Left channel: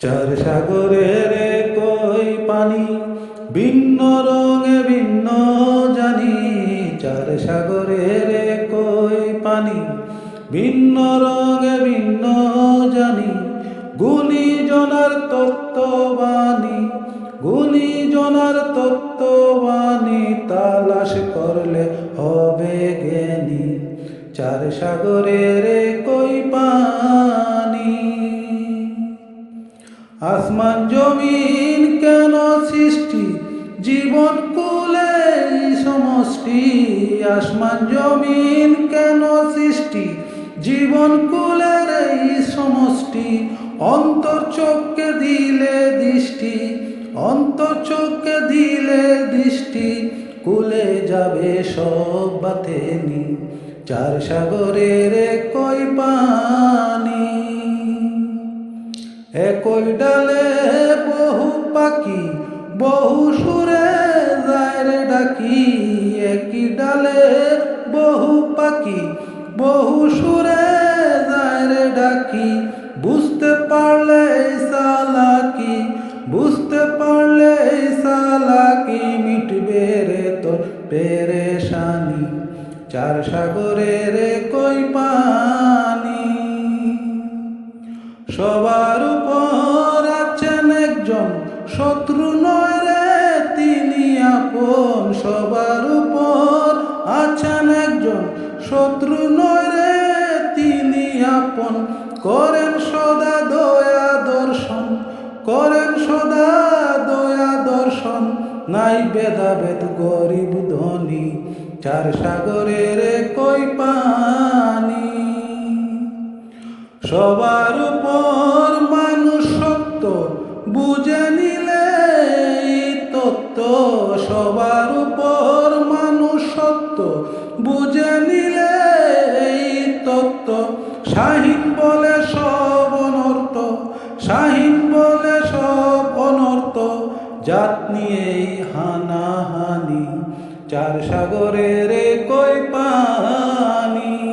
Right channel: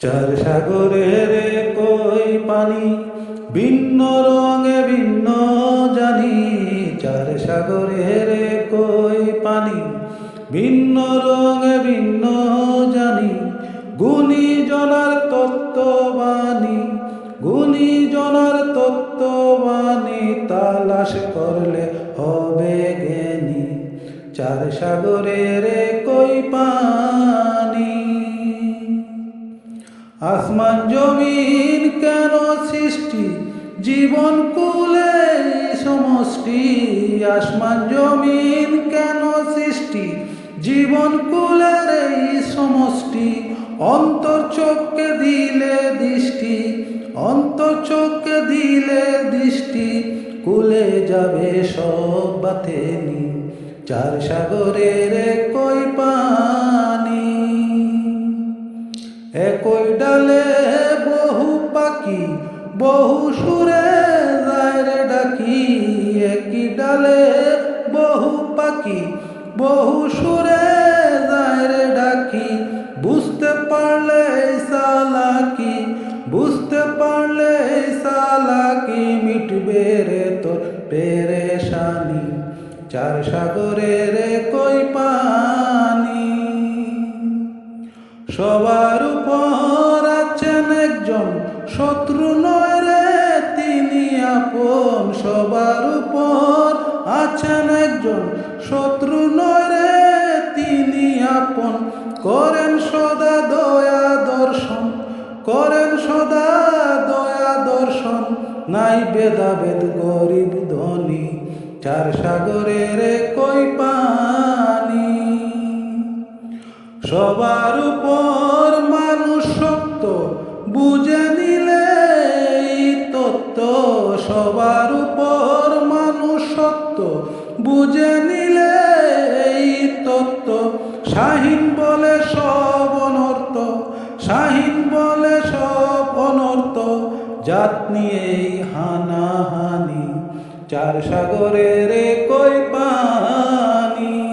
চার সাগরের কই পানি, ভিন্ন রঙে ভিন্ন জানি। চার সাগরের কই পানি, ভিন্ন রঙে ভিন্ন জানি। গুণীজনার তত্ত্ববাণী, গুণীজনার তত্ত্ববাণী, তালাশ করলে হবে জ্ঞানী। চার সাগরের কই পানি। আসমান জমিন কেন সৃষ্টি, জীবন কুলে সমষ্টি। আসমান জমিন কেন সৃষ্টি, জীবন কুলের এই সমষ্টি। অন্তর চোখকে দিলে দৃষ্টি, অন্তর চোখকে দিলে দৃষ্টি, কুলে যাবে সব বাতেনি। চার সাগরের কই পানি। একই ডালে বহু পাখি, বহু সুরে যায় রে ডাকি। একই ডালে বহু পাখি, বহু সুরে যায় রে ডাকি। বুঝতে পারলে এই চালাকি, বুঝতে পারলে এই চালাকি, মিটবে রে তোর পেরেশানি। চার সাগরের কই পানি। সবার উপর আছেন একজন, শত্রু নয় রে তিনি আপন। সবার উপর আছেন একজন, শত্রু নয় রে তিনি আপন। করেন সদা দয়া দর্শন, করেন সদা দয়া দর্শন। নাই ভেদাভেদ গরিব ধনী, চার সাগরের কই পানি। সবার উপর মানুষ সত্য, বুঝে নিলে এই তত্ত্ব। সবার উপর মানুষ সত্য, বুঝে নিলে এই তত্ত্ব। শাহীন বলে সব অনর্থ, শাহীন বলে সব অনর্থ। জাত নিয়েই হানাহানি, চার সাগরের কই পানি।